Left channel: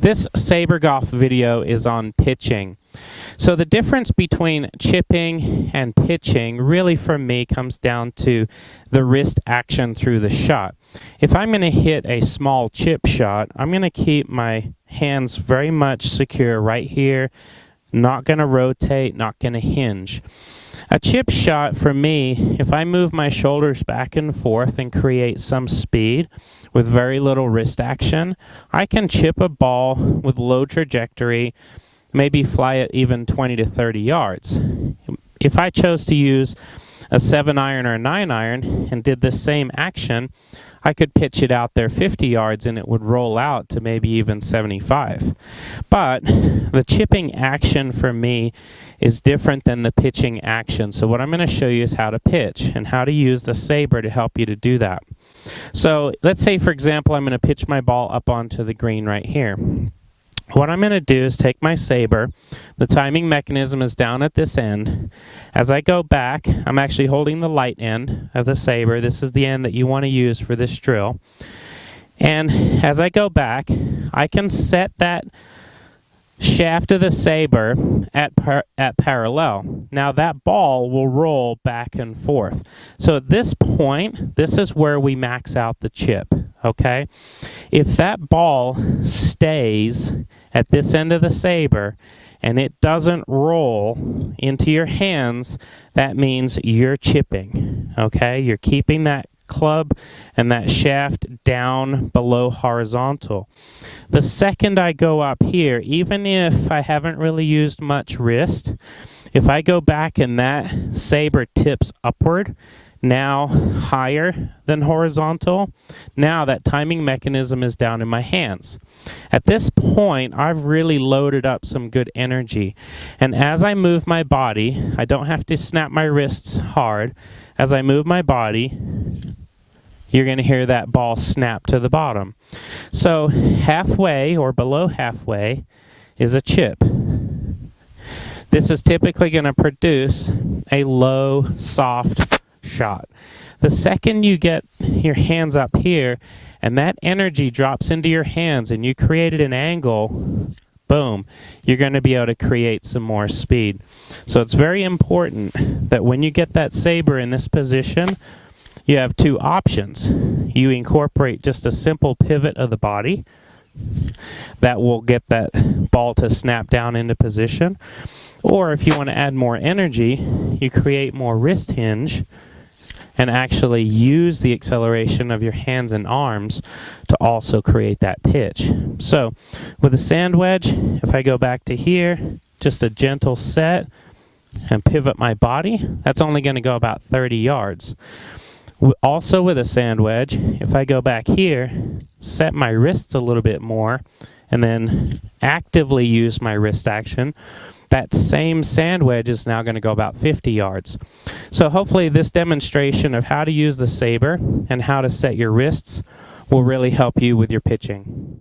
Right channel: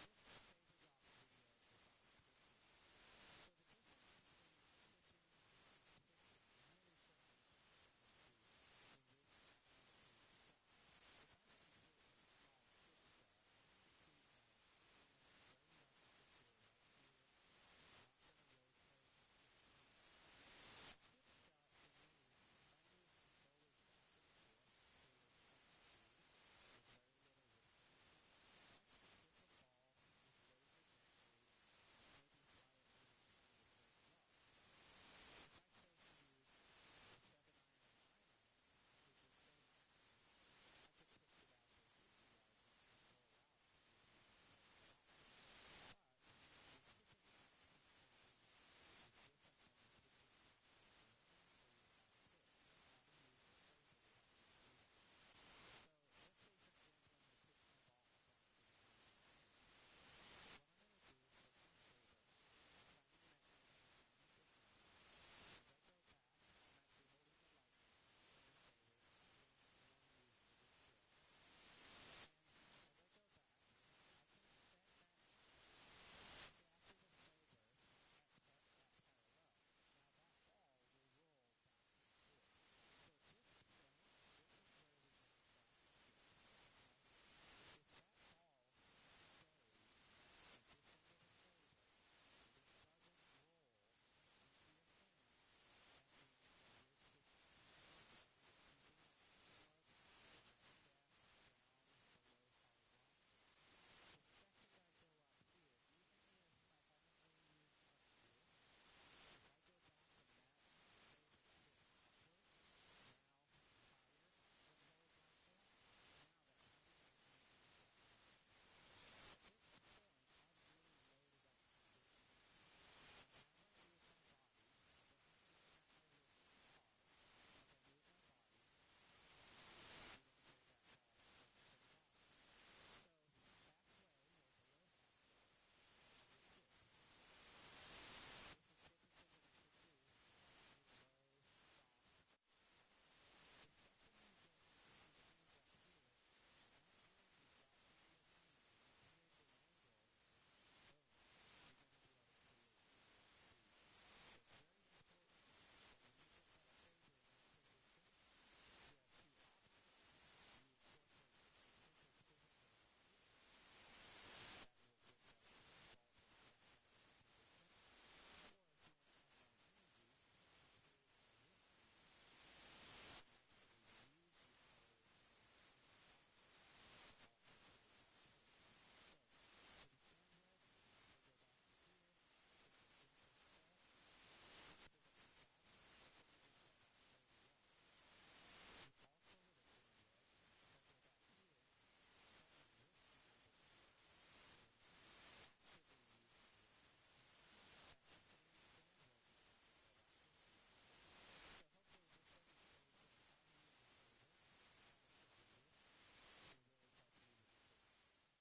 This Saber Golf video is on pitching. So the difference between chipping and pitching really for me comes down to the wrist action through the shot. If I'm going to hit a small chip shot, I'm going to keep my hands very much secure right here, not going to rotate, not going to hinge. A chip shot for me, if I move my shoulders back and forth and create some speed with very little wrist action, I can chip a ball with low trajectory, maybe fly it even 20 to 30 yards. If I chose to use a 7-iron or a 9-iron and did the same action, I could pitch it out there 50 yards and it would roll out to maybe even 75. But the chipping action for me is different than the pitching action. So what I'm going to show you is how to pitch and how to use the Saber to help you to do that. So let's say, for example, I'm going to pitch my ball up onto the green right here. What I'm going to do is take my Saber. The timing mechanism is down at this end. As I go back, I'm actually holding the light end of the Saber. This is the end that you want to use for this drill. And as I go back, I can set that shaft of the Saber at parallel. Now that ball will roll back and forth. So at this point, this is where we max out the chip, okay? If that ball stays at this end of the Saber and it doesn't roll into your hands, that means you're chipping, okay? You're keeping that club and that shaft down below horizontal. The second I go up here, even if I haven't really used much wrist, if I go back and that Saber tips upward, now higher than horizontal, now that timing mechanism is down in my hands. At this point, I've really loaded up some good energy. And as I move my body, I don't have to snap my wrists hard. As I move my body, you're going to hear that ball snap to the bottom. So halfway or below halfway is a chip. This is typically going to produce a low, soft shot. The second you get your hands up here and that energy drops into your hands and you created an angle, boom, you're going to be able to create some more speed. So it's very important that when you get that Saber in this position, you have two options. You incorporate just a simple pivot of the body that will get that ball to snap down into position. Or if you want to add more energy, you create more wrist hinge and actually use the acceleration of your hands and arms to also create that pitch. So with a sand wedge, if I go back to here, just a gentle set and pivot my body, that's only going to go about 30 yards. Also with a sand wedge, if I go back here, set my wrists a little bit more, and then actively use my wrist action, that same sand wedge is now going to go about 50 yards. So hopefully this demonstration of how to use the Saber and how to set your wrists will really help you with your pitching.